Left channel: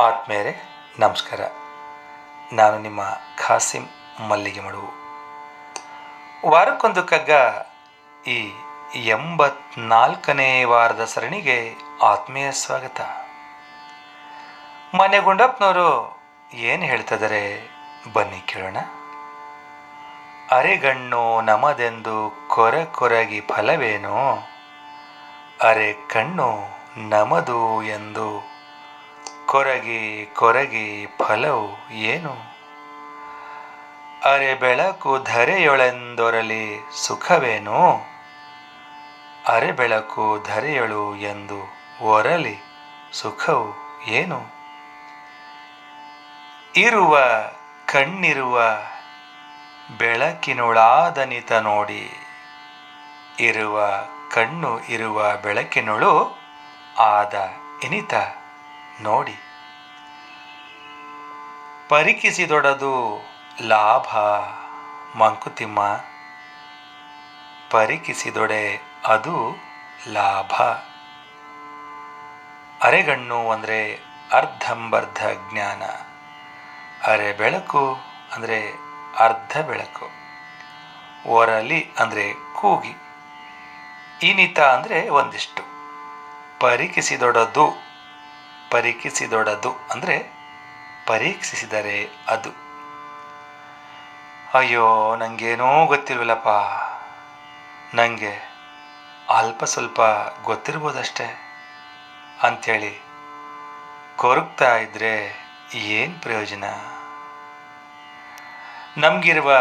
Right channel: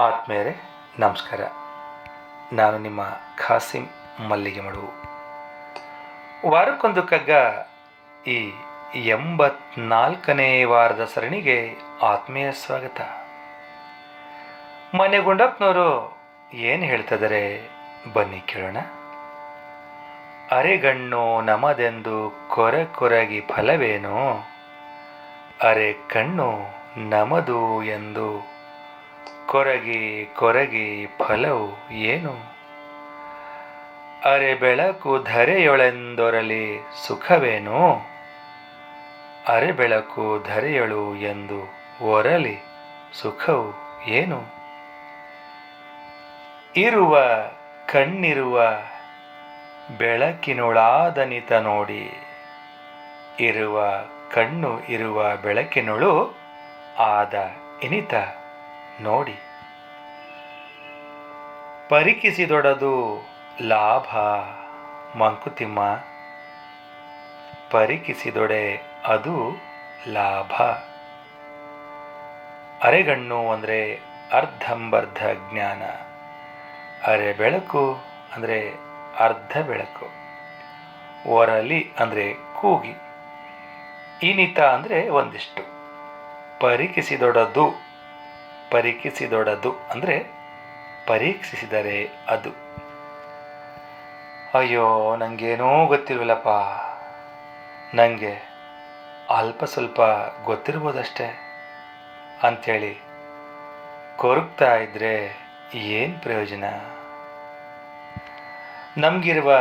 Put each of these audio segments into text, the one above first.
ಆತ್ಮೇರೆ, ನಮಸ್ಕಾರ. ನಾನು ನಿಮ್ಮ ಖಾಸಿಂ ಮಲ್ಲಿಗೆ ಮಡುವು ವಾರಕ್ಕೊಂದು ಕಗ್ಗ ಈ ಎಂಬತ್ನಾಲ್ಕನೇ ವಾರದ ಸರಣಿಗೆ ಆತ್ಮೀಯ ಸ್ವಾಗತ. ಮನೆ ಗುಂಡಪ್ಪನವರು ಏನು ಹೇಳ್ತಿದ್ದಾರೆ ಬನ್ನಿ ಕೇಳೋಣ. ಅರೆಗಣ್ಣು ನಮದೆಂದು ಕೊರೆ ಕೊರಗಿ ಫಲವೇನು? ಅರೆ ಕಣ್ಣು ನಮದು ಎಂದು ಕೊರಗಿ ಕೊರಗಿ ಫಲವು ಏನು? ಅರೆ ಬೆಳಕು ಧರೆಯೊಳೆಂದೊರಲಿ ಸುಖವೇನು? ಅರೆ ಬೆಳಕು ಧರೆಯೊಳು ಎಂದು ಒರಲಿ ಸುಖವು ಏನು? ಇರುವ ಕಣ್ಣಿರುವ ಬೆಳಕಿನೊಳಾದನಿತ ನೋಡಿ, ಇರುವ ಕಣ್ಣು ಇರುವ ಬೆಳಕಿನೊಳು ಆದ ಇನಿತ. ನೋಡಿ. ಪರಿಕಿಸಿದೊಡದು ಲಾಭ, ಮಂಕುತಿಮ್ಮ. ಪರಿಕಿಸಿದೊಡೆ ಅದು ಲಾಭ. ಅರೆಗಣ್ಣು ಅಂದರೆ ಅರ್ಧಂಬರ್ಧ ಜ್ಞಾನ. ಅರೆ ಬೆಳಕು ಅಂದರೆ ಅರ್ಧ ಬೆಳಕು. ಒರಲಿ ಅಂದರೆ ಕೂಗಿ. ಇನಿತ ಅಂದರೆ ಒಂದಿಷ್ಟು. ಪರೀಕ್ಷಿಸಿದೊಡದು ಪರೀಕ್ಷಿಸಿದೊಡದು. ಅಂದರೆ ಪರೀಕ್ಷಿಸಿದರೆ ಅದು. ಅಯ್ಯೋ ನನಗೇನೂ ಗೊತ್ತಿಲ್ವಲ್ಲಪ್ಪ. ನನಗೆ ಅಲ್ಪ ಸ್ವಲ್ಪ ಗೊತ್ತಿರ್ಬೋದಷ್ಟೇ. ಅಂಥೇಳಿ ಕೊರಗ್ತಾ ಇದ್ದರೆ ಏನು ಪ್ರಯೋಜನ? ನಮಗಿರುವ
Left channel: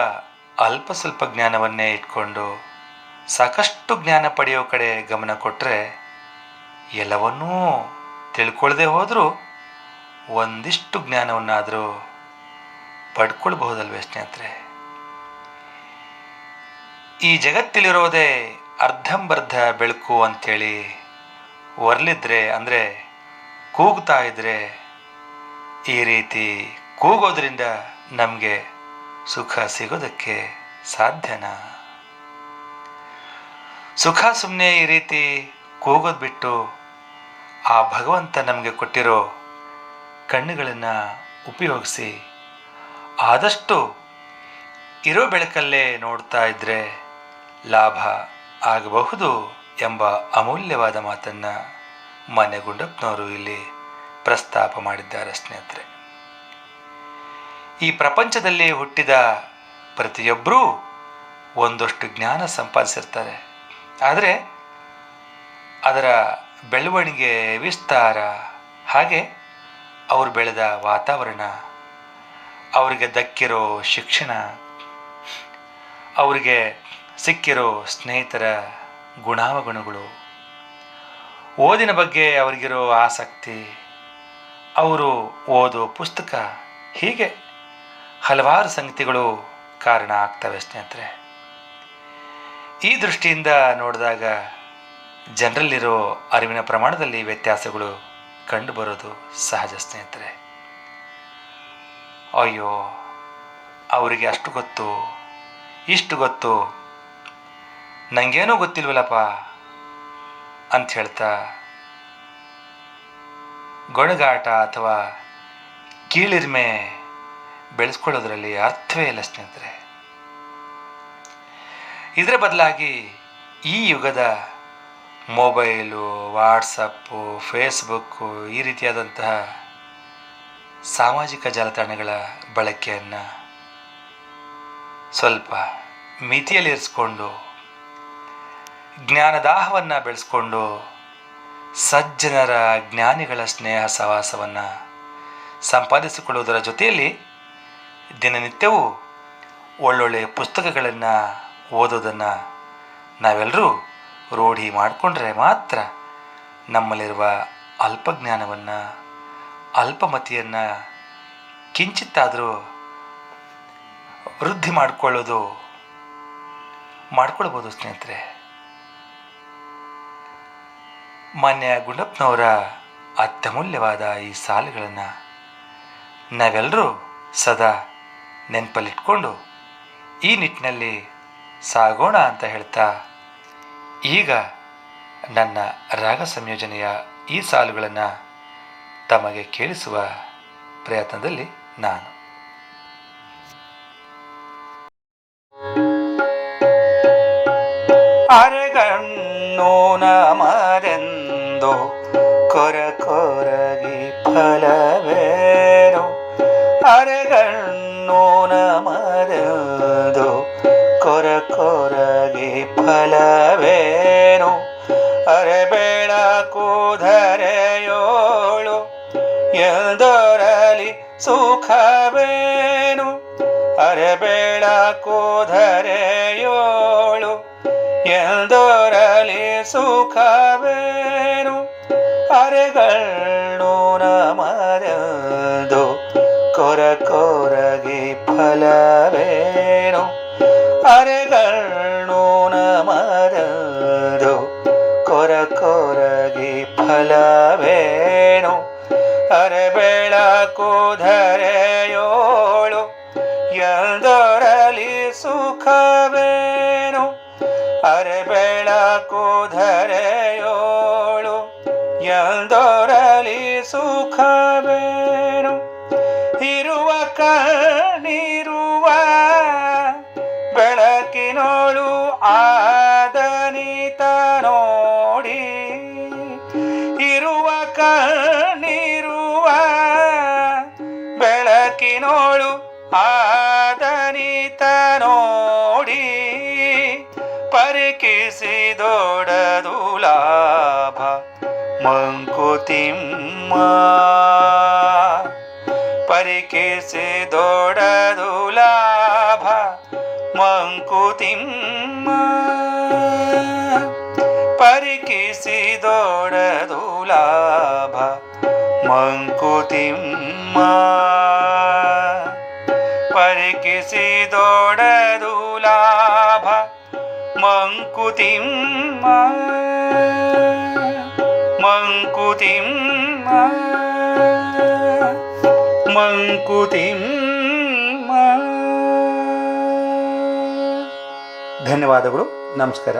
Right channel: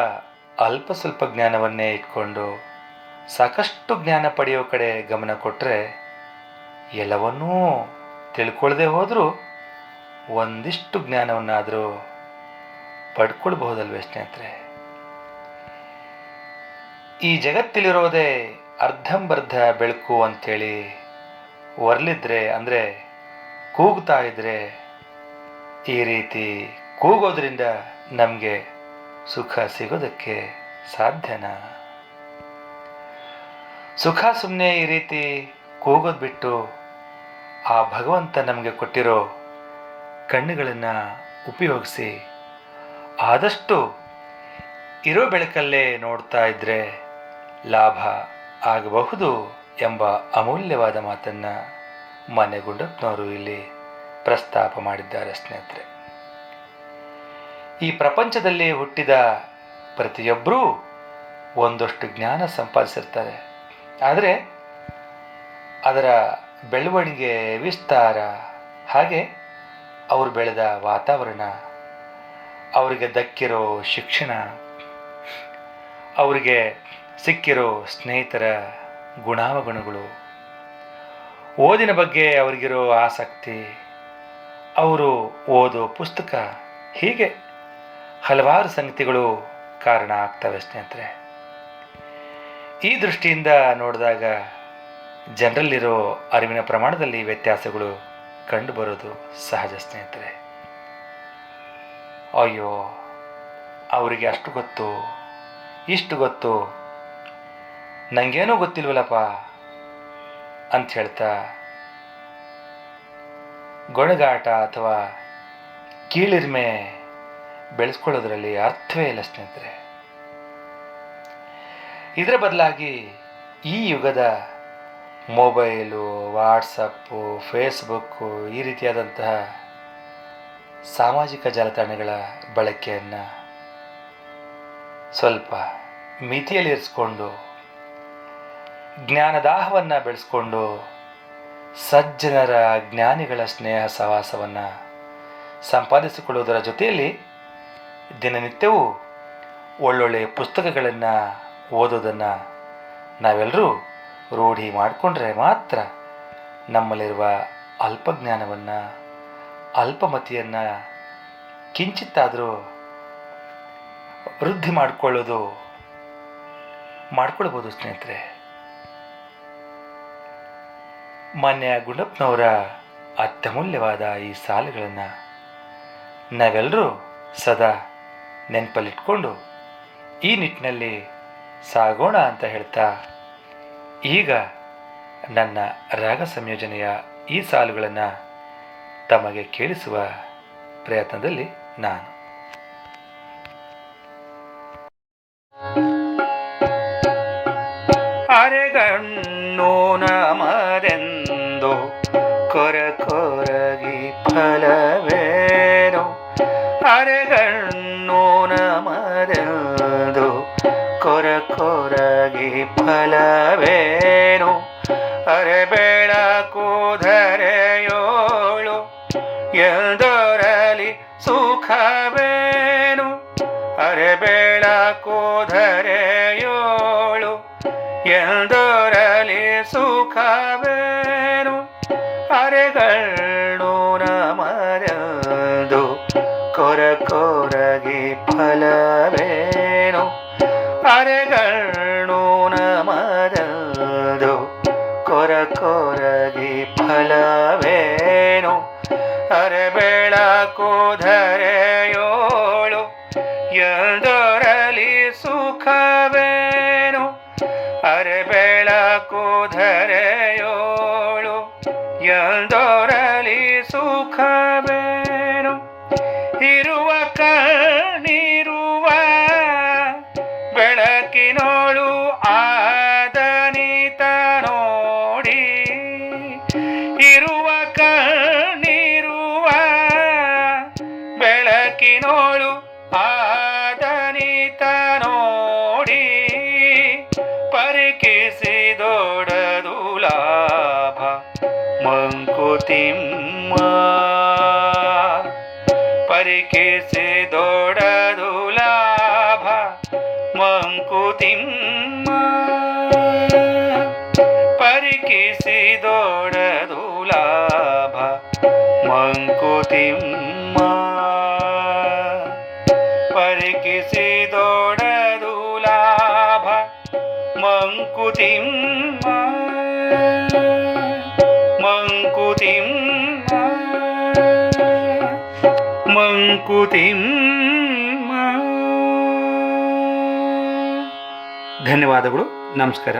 ಅಲ್ಪ ಸ್ವಲ್ಪ ಜ್ಞಾನವನ್ನೇ ಇಟ್ಕೊಂಡು ಸಾಕಷ್ಟು ಜ್ಞಾನ ಪಡೆಯೋ ಕಡೆ ಗಮನ ಕೊಟ್ಟರೆ ಎಲ್ಲವನ್ನೂ ತಿಳ್ಕೊಳ್ಳದೆ ಹೋದರೂ ಒಂದಿಷ್ಟು ಜ್ಞಾನವನ್ನಾದರೂ ಪಡ್ಕೊಳ್ಬಹುದಲ್ವೇ ಸ್ನೇಹಿತರೆ? ಈ ಜಗತ್ತಲ್ಲಿರೋದೇ ಅರ್ಧಂಬರ್ಧ ಬೆಳಕು ಅಂಥೇಳಿ ಒರ್ಲಿದ್ರೆ ಅಂದರೆ ಕೂಗ್ತಾ ಇದ್ರೆ ಈ ರೀತಿ ಕೂಗೋದ್ರಿಂದ ನಮಗೆ ಸುಖ ಸಿಗೋದಕ್ಕೆ ಸಾಧ್ಯನಾ? ಸುಖ ಸುಮ್ಮನೆ ಈ ರೀತಿ ಕೂಗೋದು ಬಿಟ್ಟು ಆ ಭಗವಂತ ನಮಗೆ ಕೊಟ್ಟಿರೋ ಕಣ್ಣುಗಳನ್ನು ಉಪಯೋಗಿಸಿ ಆದಷ್ಟು ಇರೋ ಬೆಳಕಲ್ಲೇ ನೋಡ್ತಾ ಇದ್ದರೆ ಲಾಭ ಆಗಬಹುದು ಎಂಬ ಅಮೂಲ್ಯವಾದ ಮಾತನ್ನು ಮನೆಗುಂಡಪ್ಪನವರು ಇಲ್ಲಿ ಪ್ರಸ್ತಾಪ ಮಾಡಿದ್ದಾರೆ ಸ್ನೇಹಿತರೆ. ಈ ಪ್ರಪಂಚದಲ್ಲಿ ಹುಟ್ಟಿದ ಪ್ರತಿಯೊಬ್ಬರೂ ಒಂದಷ್ಟು ಜ್ಞಾನ ಸಂಪಾದಿಸಿರ್ತಾರೆ. ಆದರೆ ಅದರ ಬೆಳವಣಿಗೆ ವಿಸ್ತಾರ. ಹಾಗೆ ಅವರು ಬೆಳೆದ ವಾತಾವರಣ, ಅವರಿಗೆ ದಕ್ಕಿರೋ ಶಿಕ್ಷಣ, ಅವರಿಗೆ ಸಿಕ್ಕಿರೋ ಸ್ನೇಹಿತರ ಗುಣಾವಗುಣಗಳು, ಓದಿನ ಬಗ್ಗೆ ಅವರಿಗಿರೋ ಆಸಕ್ತಿ, ಅವರು ಓದೋ ಪುಸ್ತಕ, ಹೀಗೆ ಹಲವಾರು ಸಂಗತಿಗಳು ಕಾರಣ ಆಗ್ತವೆ ಸ್ನೇಹಿತರೆ. ಈ ದೃಷ್ಟಿಯಿಂದ ನೋಡಿದಾಗ ಜನರಲ್ಲಿರೋ ಅರಿವಿನ ಪ್ರಮಾಣದಲ್ಲಿ ವ್ಯತ್ಯಾಸಗಳು ಕಂಡುಬರೋದು ಸಹಜ ಸ್ನೇಹಿತರೆ. ಅಯ್ಯೋ, ಅವರಿಗೆ ಅಷ್ಟು ಗೊತ್ತು, ಇಷ್ಟು ಗೊತ್ತು. ನನಗೇನೂ ಗೊತ್ತಿಲ್ವಲ್ಲಪ್ಪ ಅಂತ ಹೇಳ್ತಾ ಗೊಣಗಾಟ ಅಥವಾ ಕೀಳಿರ್ಮೆ ಬೆಳೆಸ್ಕೊಳ್ಳೋದ್ರಲ್ಲಿ ಅರ್ಥವೇ ಇಲ್ಲ ಸ್ನೇಹಿತರೆ. ಇದರ ಬದಲಾಗಿ ಈ ಯುಗದ ಮೊಬೈಲು ವಾಟ್ಸಪ್ಪು ಫೇಸ್ಬುಕ್ಕು ಈ ರೀತಿಯಾದಂತಹ ಸಾಮಾಜಿಕ ಜಾಲತಾಣಗಳ ಬಳಕೆಯನ್ನು ಸ್ವಲ್ಪ ಮಿತಿಯಲ್ಲಿರಿಸ್ಕೊಂಡು ಜ್ಞಾನದಾಹವನ್ನು ಬೆಳೆಸ್ಕೊಂಡು, ಸಜ್ಜನರ ಜ್ಞಾನಿಗಳ ಸ್ನೇಹ ಸಹವಾಸವನ್ನು ಸಂಪಾದಿಸಿಕೊಳ್ಳುವುದರ ಜೊತೆಯಲ್ಲಿ ದಿನನಿತ್ಯವೂ ಒಳ್ಳೊಳ್ಳೆಯ ಪುಸ್ತಕಗಳನ್ನು ಓದೋದನ್ನು ನಾವೆಲ್ಲರೂ ರೂಢಿ ಮಾಡಿಕೊಂಡ್ರೆ ಮಾತ್ರ ನಮ್ಮಲ್ಲಿರುವ ಅಲ್ಪಜ್ಞಾನವನ್ನು, ಅಲ್ಪಮತಿಯನ್ನು ಕಿಂಚಿತ್ತಾದರೂ ವೃದ್ಧಿ ಮಾಡಿಕೊಳ್ಳೋದು ಮಾಡ್ಕೊಳ್ಬೋದು ಸ್ನೇಹಿತರೆ. ಮಾನ್ಯ ಗುಂಡಪ್ಪನವರ ಅತ್ಯಮೂಲ್ಯವಾದ ಈ ಸಾಲುಗಳನ್ನು ನಾವೆಲ್ಲರೂ ಸದಾ ನೆನಪಲ್ಲಿಟ್ಕೊಂಡು ಈ ನಿಟ್ಟಿನಲ್ಲಿ ಸಾಗೋಣ ಅಂತ ಹೇಳ್ತಾ ಈಗ ನನ್ನ ರಾಗ ಸಂಯೋಜನೆಯ ಈ ಸಾಲುಗಳನ್ನು ತಮಗೆ ಕೇಳಿಸುವ ಪ್ರಯತ್ನದಲ್ಲಿ ನಾನು. ಅರೆಗಣ್ಣು ನಮರೆಂದು ಕೊರ ಕೊರಗಿ ಫಲವೇನು ಫಲವೇನು ಅರೆ ಬೆಳಕು ಧರೆಯೋಳು ಎಂದೊರಲಿ ಸುಖವೇನು? ಅರೆ ಬೆಳಕು ಧರೆಯೋಳು ಎಂದೊರಲಿ ಸುಖವೇನು? ಅರೆಗಳು ನಮರದು ಕೊರ ಕೊರಗಿ ಫಲವೇನು? ಅರೆಗಳು ಸುಖವೇನು? ಅರೆ ಬೆಳಕು ಧರೆಯೋಳು ಎಂದೊರಲಿ ಸುಖವೇನು? ಇರುವ ಕಣ್ಣಿರುವ ಬೆಳಕಿನೋಳು ಆದನಿತ ನೋಡಿ, ಇರುವ ಕಣ್ಣಿರುವ ಬೆಳಕಿನೋಳು ಆದನಿತ ಮಂಕುತಿಮ್ಮ ಪರಿಕಿಸಿದೊಡದು ಲಾಭ ಮಂಕುತಿಮ್ಮ ಪರಿಕಿಸಿದೊಡದು ಲಾಭ ಮಂಕುತಿಮ್ಮ ಪರಿಕಿಸಿದೊಡದು ಲಾಭ ಮಂಕುತಿಮ್ಮ ಮಂಕುತಿಮ್ಮ ಧನ್ಯವಾದಗಳು ನಮಸ್ಕಾರ.